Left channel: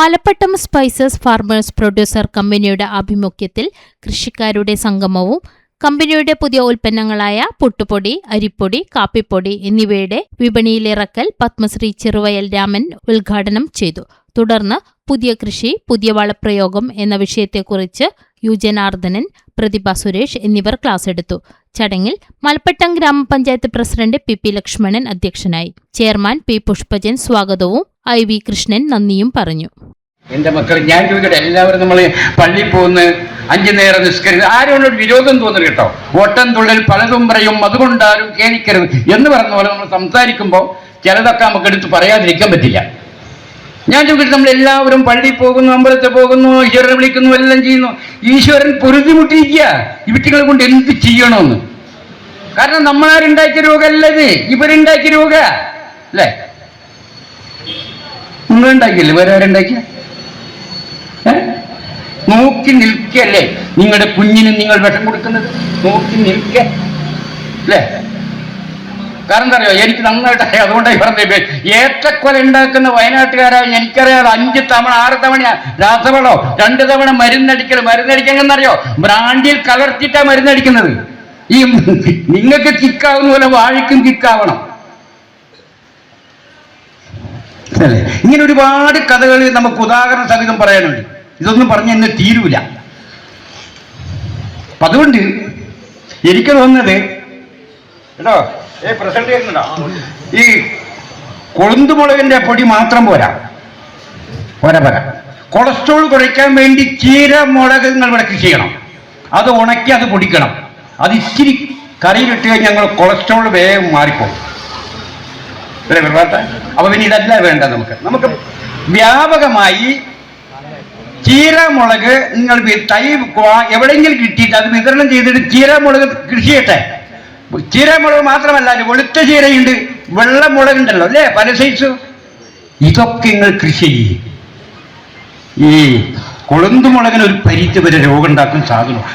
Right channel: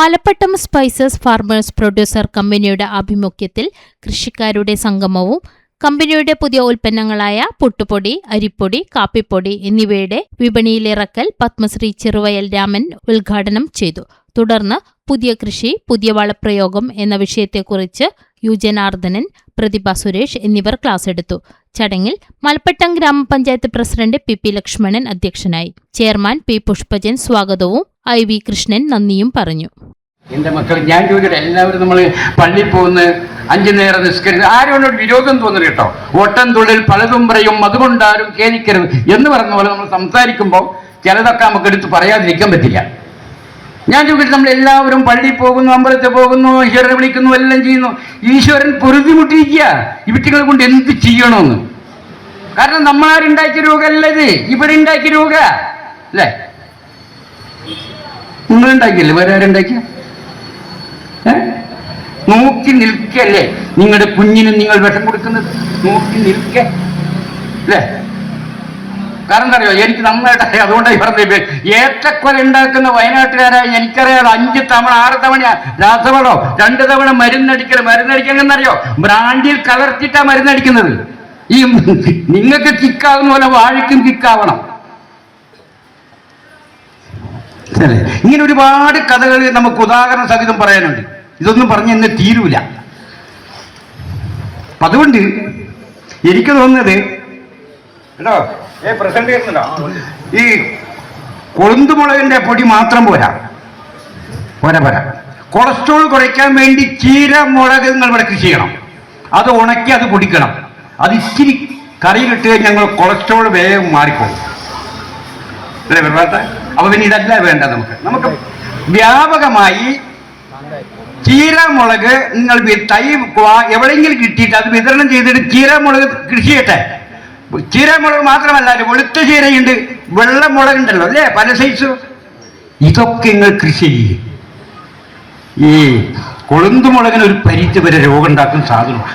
Malappattam spices farmers producer കമ്പനിയുടെ ആഭിമുഖ്യത്തിൽ കൃഷിക്കാരുടെ സംഗമവും കമ്പനിയുടെ പുതിയ ഉൽപ്പന്നങ്ങളായ പുട്ടുപൊടി, അരിപ്പൊടി, കാപ്പിപ്പൊടി എന്നിവയുടെ വിപണിയിലിറക്കൽ പത്മശ്രീ ചെറുവയൽ രാമൻ ഉദ്ഘാടനം ചെയ്തു. തുടർന്ന് പുതിയ കൃഷി, പുതിയ വളപ്രയോഗം എന്ന വിഷയത്തെക്കുറിച്ച് യു ജനാർദ്ദനൻ, പ്രതിഭ സുരേഷ് എന്നിവർ ക്ലാസ് എടുത്തു. ചടങ്ങിൽ മലപ്പട്ടം ഗ്രാമപഞ്ചായത്ത് പ്രസിഡന്റ് പി ലക്ഷ്മണൻ അധ്യക്ഷനായി. ചെയർമാൻ പി പുഷ്പജൻ സ്വാഗതവും IV കൃഷ്ണൻ നന്ദിയും പറഞ്ഞു. എന്റെ മക്കൾ, ഞാൻ ചോദിക്കട്ടെ, എല്ലാവരും നമ്മൾ പള്ളിയിൽ പോകുന്ന 5 നേരം നിസ്കരിച്ച് ആരോട് വിരോധം തോന്നുന്നു കേട്ടോ. ഓട്ടം തുള്ളിൽ പലതും പറയും, അതുകൊണ്ടാരും ഖേദിക്കരുത് എന്ന് പറഞ്ഞ പോലെ നമ്മൾ സംസാരിക്കുമ്പോൾ ചിലതൊക്കെ നമുക്ക് എടുത്ത് പറയാതിരിക്കാൻ പറ്റില്ല. ഞാൻ ചോദിക്കട്ടെ, നമ്മൾ എല്ലാവരും പള്ളിയിൽ പോകുന്നു, അമ്പലത്തിൽ പോകുന്നു, ഈശ്വരനെ വിളിക്കുന്നു, എല്ലാം ചെയ്യുന്നു. ഈശ്വരൻ പൊരുതിമുട്ടിയിരിക്കുക ഇവറ്റികളെ കൊണ്ട് എന്ത് ചെയ്യണമെന്ന്. കാരണം നമ്മളാരുണ്ടാക്കിയ രോഗമല്ല ഇത്, ഇവരുണ്ടാക്കിയ രോഗ അല്ലേ? നിങ്ങൾ ഉണ്ടാക്കിയല്ലേ, വേറെ ആരുണ്ടാക്കിയ? നോക്കി നിൽക്കല്ലേ നിങ്ങളുടെ കുഞ്ഞിന് നിങ്ങൾ വിഷം കൊടുക്കുന്നത്? നോക്കി നിൽക്ക അല്ലേ? കാരണം എന്താ അറിയോ, എനിക്ക് നന്നായിട്ട് അറിയാം. അതുകൊണ്ടായി പറഞ്ഞത്, ഏറ്റക്കൊല ഉണ്ടാക്കുന്ന വയനാട്ടുകാരായ എനിക്കറിയാം. 5 തവണ 6 തവണ രാസവളോ 2 തവണ മരുന്നടിക്കണമെന്നറിയോ? ബ്രാൻഡിൽ കലർത്തിയിട്ടാ മരുന്നടിക്കുന്നത്. ഈ നിങ്ങൾക്ക് കിക്കാവുന്ന പോലെ വാഴയ്ക്കും കിക്കാവണം. ഇങ്ങനെ ഒരുപാട് കഥകൾ നമുക്ക് ഉദാഹരണ സഹിതം പറയാനുണ്ട്. ഇതൊന്നും പറഞ്ഞ് എന്നെ തീരൂല. അപ്പൊ അതുകൊണ്ട് എനിക്ക് തോന്നുന്നത് കേട്ടോ, പ്രസന്റ് ചെയ്യുന്നുണ്ടോ, ഈ കൊളുന്തുമുളകിന്റെ പൊടി മാത്രം പോരാ. കൊളസ്ട്രോൾ കുറയ്ക്കാൻ വേണ്ടി ചീരമുളക് നിങ്ങൾ ഇവിടെ കൃഷി ചെയ്യണം. അത് ഉണക്കി അത് പൊടിക്കണം. അത് ഇച്ചിരി കറിയിലിട്ട് കഴിഞ്ഞാൽ ഞങ്ങൾ കൊളസ്ട്രോൾ വേഗം മാറിപ്പോകും അല്ലേ വിഭാഗത്ത? അപ്പൊ പിന്നെ ഇതല്ല വേണ്ട. നമുക്ക് വ്യാപകമായി ചീരമുളക് നിങ്ങൾ തൈ എവിടെയെങ്കിലും കിട്ടിയിട്ട് അത് വിതരണം ചെയ്തിട്ട് ചീരമുളക് കൃഷി ചെയ്യട്ടെ. ചീരമുളക് മാത്രമല്ല, വെളുത്ത ചീരയുണ്ട്, വെള്ളമുളകുണ്ടല്ലോ അല്ലേ, പല സൈസ്. ഇതൊക്കെ നിങ്ങൾ കൃഷി ചെയ്യും. ഈ കൊളുന്തുമുളകിന് ഒരു പരിധി വരെ രോഗം ഉണ്ടാക്കുന്ന സാധനമാണ്.